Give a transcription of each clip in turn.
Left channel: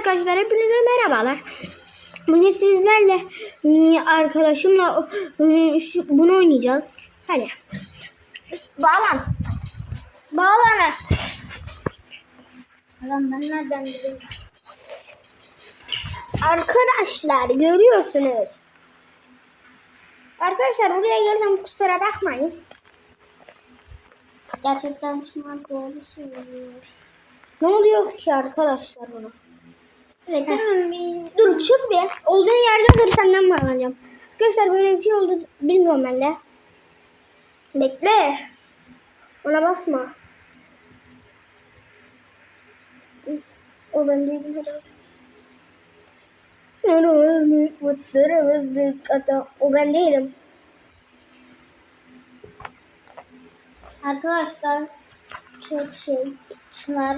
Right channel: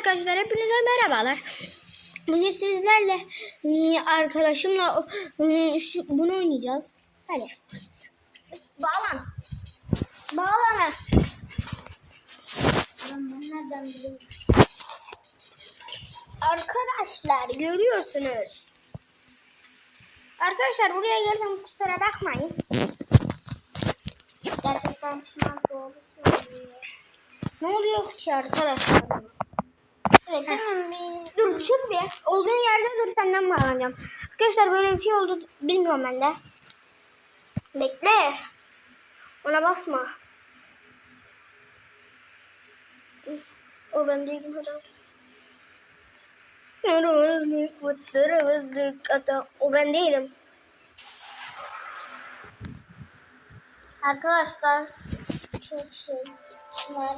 Arkadaşlar hepinize merhabalar. Bugün sizlerle e, arkadaşımla e, bunu oynayacağız. Hadi. Bağlan. Bağlan. Lan ben nereden bileyim? Arkadaşlar görüyorsunuz. Arkadaşlar buraya geldim kusura bakmayın. Gerçekten Çınar doğru söylüyor. Ne oluyor ki arkadaşlar? Evet tamam. Dur çık bir. Olduğun yerde dur senden bağlanacağım. Arkadaşlar böyle bir şey oldu bilmiyorum ben de. Bekle. Ona basma. O ben değilim herhalde. Yaramazlık, mutlarımızlık, ata. O ben değilim. Arkadaşlar çok şey Çınar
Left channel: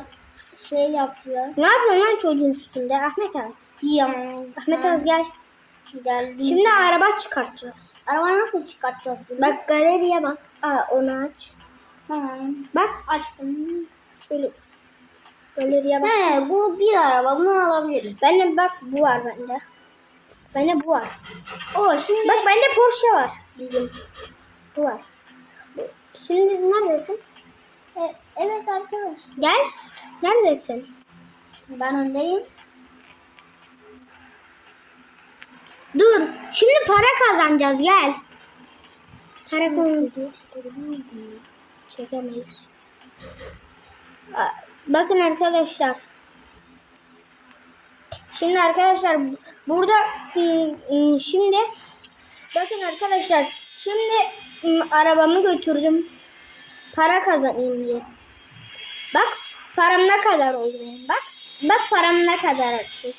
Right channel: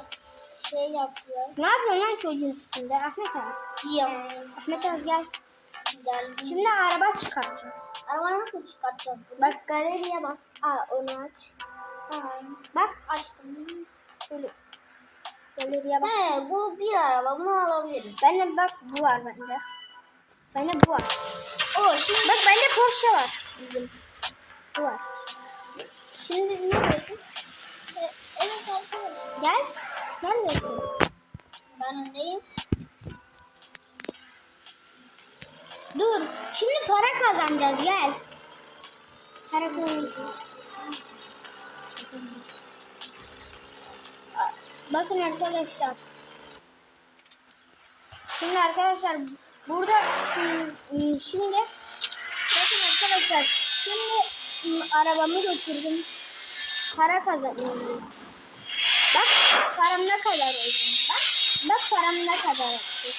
şey yapıyor. Ne yapıyorsun lan çocuğun üstünde? Ahmet Az. Diyorum. Ahmet Az gel. Geldi. Şimdi araba çıkartacağız. Arabayı nasıl çıkartacağız bunu? Bak galeriye bas. Aa onu aç. Tamam. Bak Açtım. Böyle galeriye bas. He bu bir araba bunu alabiliriz. Bende bak bu var bende. Bende bu var. O şimdi Bak bende Porsche var. Bizim. Bu var. Şimdi neredesin? E, evet arkadaş. Gel. Neredesin? Ben öndeyim. Dur. Şimdi para kazanacağız gel. Para kazanacağız. Bakın arkadaşlar. Şimdi arkadaşlar burada ım, ım, şimdi bakın arkadaşlar şimdi ım, arabamı götürdüm. Para kazanayım diye. Bak param ne kadar oldu. Bak bak param ne kadar artık.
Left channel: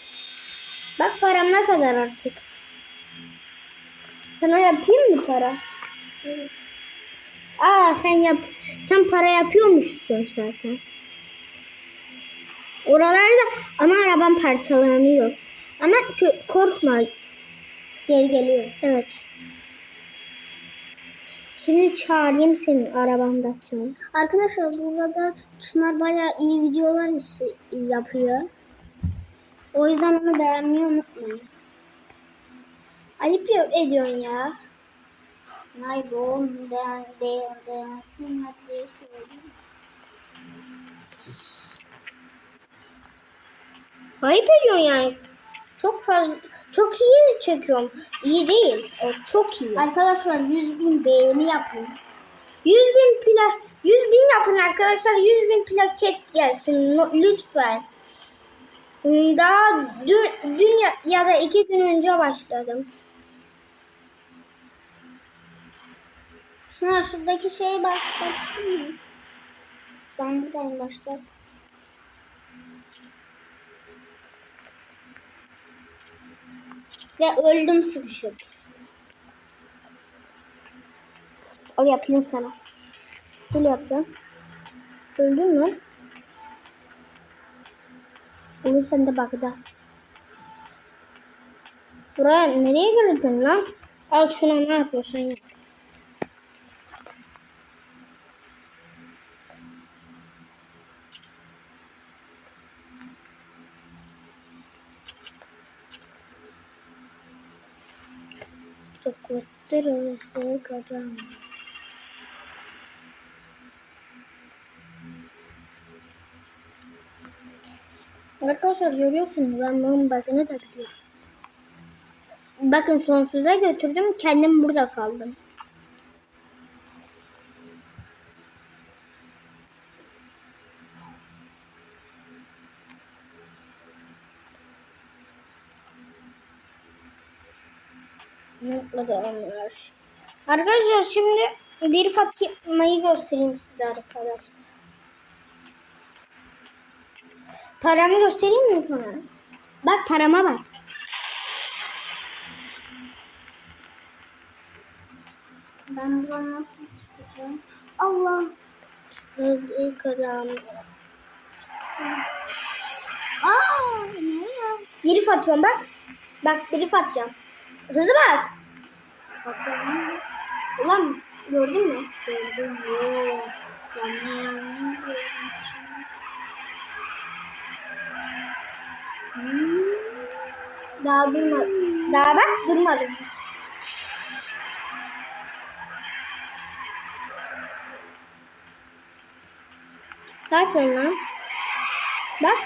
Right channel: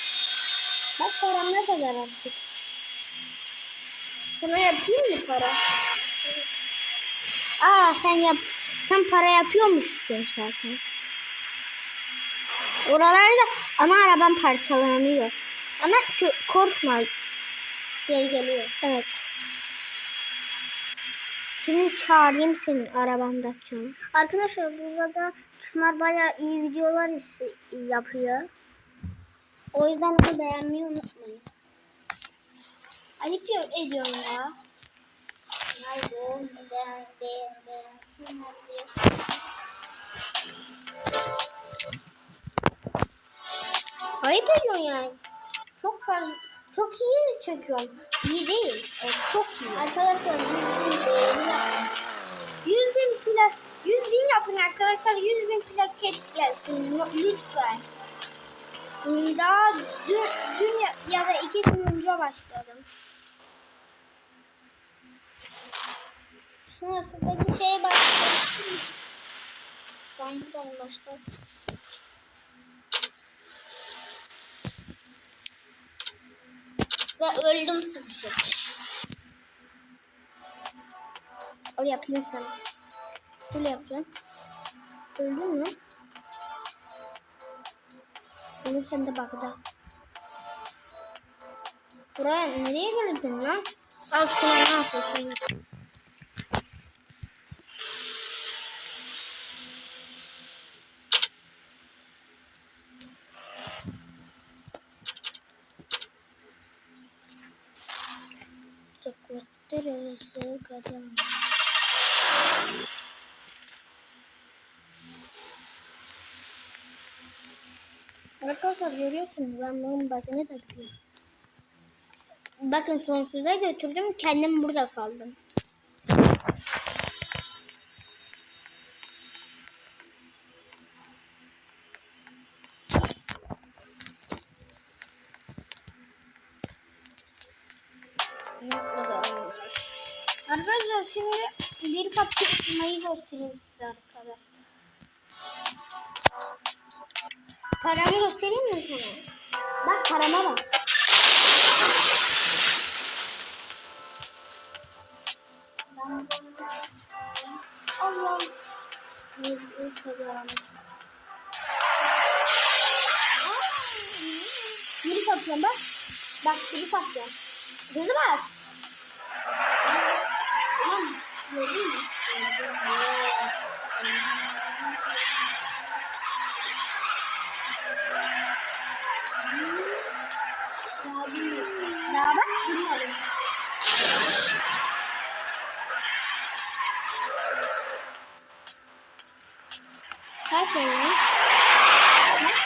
Bak param ne kadar artık. Sana yapayım mı para? Aa sen yap. Sen para yapıyormuşsun zaten. Oralarda ama arabam parçalanıyor. Ama korkma. Geri geliyor. Evet. Şimdi çağırayım senin arabanda açacağım. Arkadaşlar burada da Çınar bayağı iyi videolar yapıyor. O yüzden onu beğenmeyi unutmayın. Ayıp yok ediyorsun ya. Hayır oğlum beğen, beğen, beğensinler söylüyorum. Ayıp ediyorsun yani. Çok fazla çok iyi çekiyorum. İyi değil. O çok iyi. Arkadaşlar 100 bin beğeni yapın. 100 bin plak 100 bin yapın arkadaşlar 100 bin plaket gelsin lütfen. Daha dün, dün ya, ya da iki gün önce başladım. Şuna şuradaki şeye başlasın mı? Ben buradayım başlat. Ve öldüm sıkışıp. Al yapayım sana. Böyle yapacağım. Öldün mü? Olur sen de bakacağım. Buraya nereye geldin lan? Al şunu ne yapıyorsun kuvvetli arası kazan. Arkadaşlar görüyorsunuz ben bunun bakını da biliyorum. Bakın sonsuza götürdüm kendim burada kaldım. Yapmadı oynuyoruz. Arkadaşlar şimdi bir Fatma'yı göstereyim size arkadaşlar. Paramı göstereyim mi sana? Bak parama bak. Ben buradan nasıl çıkacağım? Allah. Gözlüğü karanlık. Aa, ne ya? Biri atıyorum bak. Bak biri atacağım. Hızlı bak. Ulan gördün mü? Gördüm Daha durmadım. Daha bak durmadım. Ne yapıyorsun lan? Bak.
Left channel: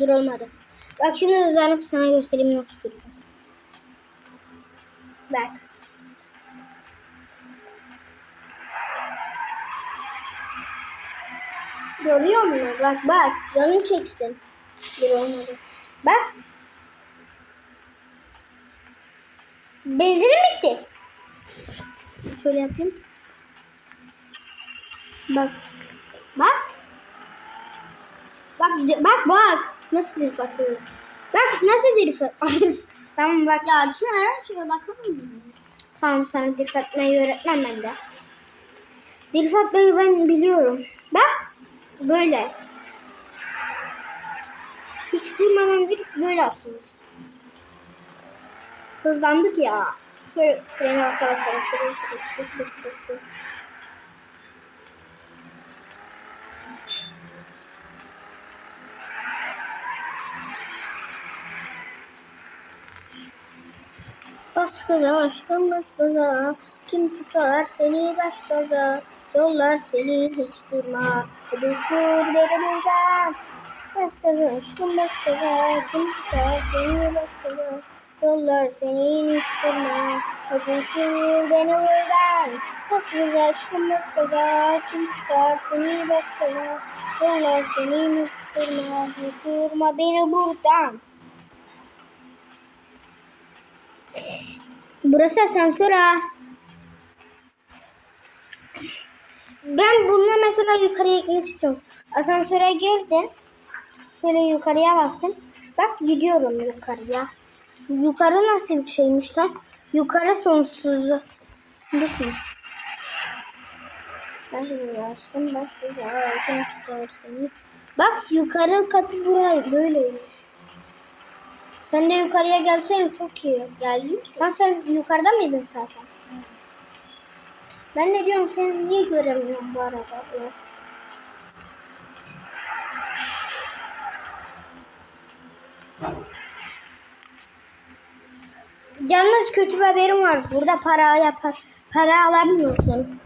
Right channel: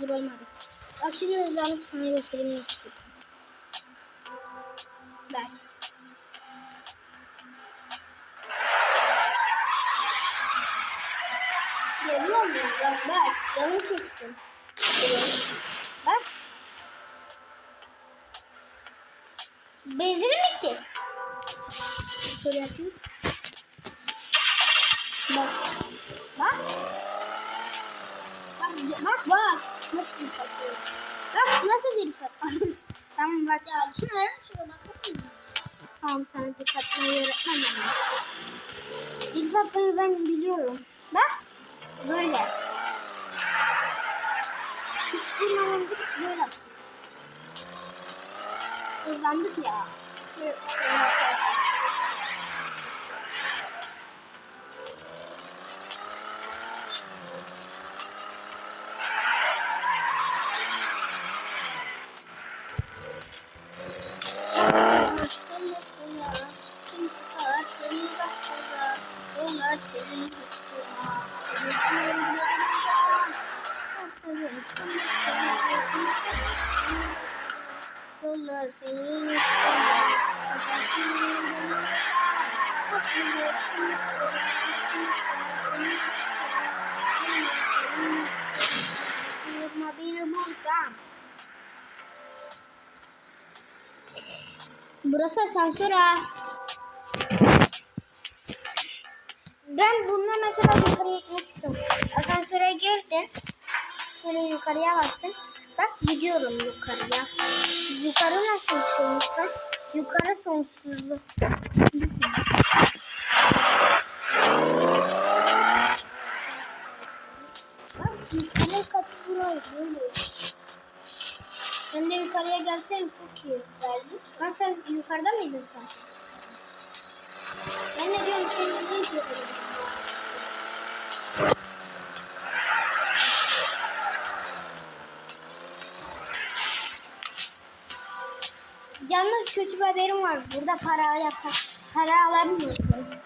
Dur olmadı. Bak şimdi hızlanıp sana göstereyim nasıl durdu. Bak. Görüyor musun? Bak bak. Canın çeksin. Bak. Benzinim bitti. Şöyle yapayım. Bak. Bak. Bak bak bak. Nasıl bir atıyor? Bak nasıl bir atıyor? tamam bak. Ya Çınar şuna bakar mısın? Tamam sana dikkat etmeyi öğretmem ben de. Dilfat Bey'i ben biliyorum. Bak. Böyle. Hiç durmadan gidip böyle atıyoruz. Hızlandık ya. Şöyle şöyle basar basar basar basar basar basar Başkaza aşkın başkaza Kim tutar seni baş gaza Yollar seni hiç durma. Hadi uçur beni buradan Başkaza aşkın başkaza Kim tutar seni baş gaza Yollar seni hiç durma. Hadi uçur beni buradan Başkaza aşkın başkaza Kim tutar seni baş gaza Yollar seni hiç durma. Uçurma beni buradan Burası asansör ha. Ben bununla mesela yukarıya istiyorum. Asansöre girdin. Şöyle yukarıya bastın. Bak gidiyorum yukarıya. Yukarı nasıl bir şeymiş lan? Yukarı sonsuzlu. Bakın. Bak yukarı katı burayı böyle. Sen de yukarıya gelsene çok iyi. Geldim. Lan sen yukarıda mıydın zaten? Ben ne diyorum seni niye göremiyorum bu arada? Yalnız kötü bir haberim var. Burada para yapar. Para alamıyorsun.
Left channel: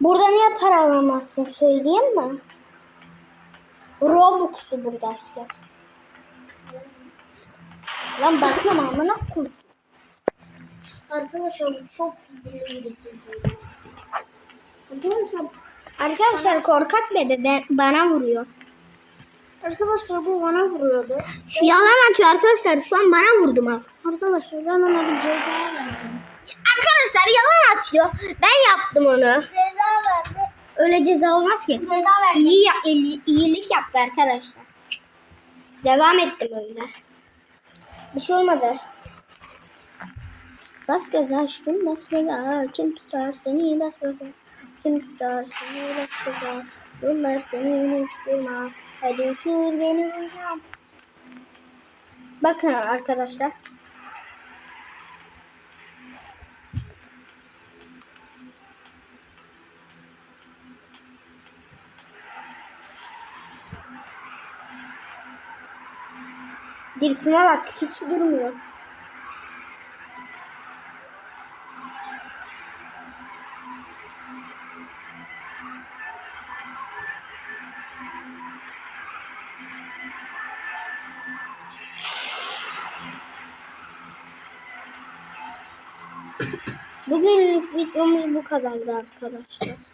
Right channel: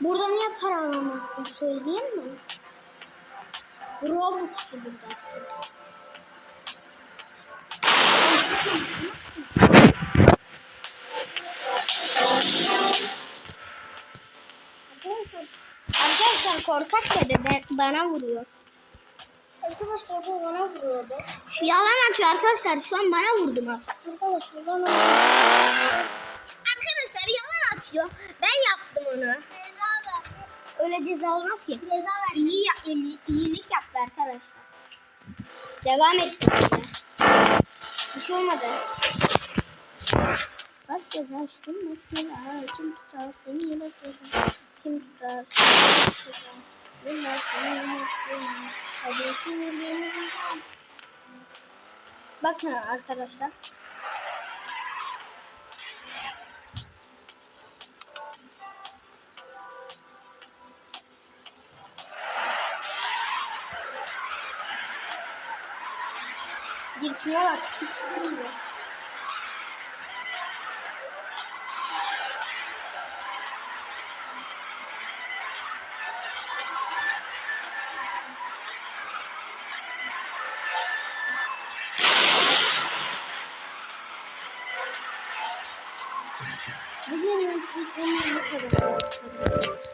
Burada niye para alamazsın söyleyeyim mi? Robux'tu burada arkadaşlar. Ben bakıyorum amına koyayım. Arkadaşlar çok Arkadaşlar Arkadaşlar korkak dedi de bana vuruyor. Arkadaşlar bu bana vuruyordu. Şu yalan atıyor arkadaşlar. Şu an bana vurdu bak. Arkadaşlar ben onu ceza Arkadaşlar yalan atıyor. Ben yaptım onu. verdi. Öyle ceza olmaz ki. Ceza verdi. İyi, iyi iyilik yaptı arkadaşlar. Devam etti böyle. Bir şey olmadı. Bas gaza aşkım bas gaza. Kim tutar seni bas gaza. Kim tutar seni bas gaza. Yollar seni durma. Hadi uçur beni. Bakın arkadaşlar. Girişime bak hiç durmuyor. Bugünlük videomuz bu kadar arkadaşlar.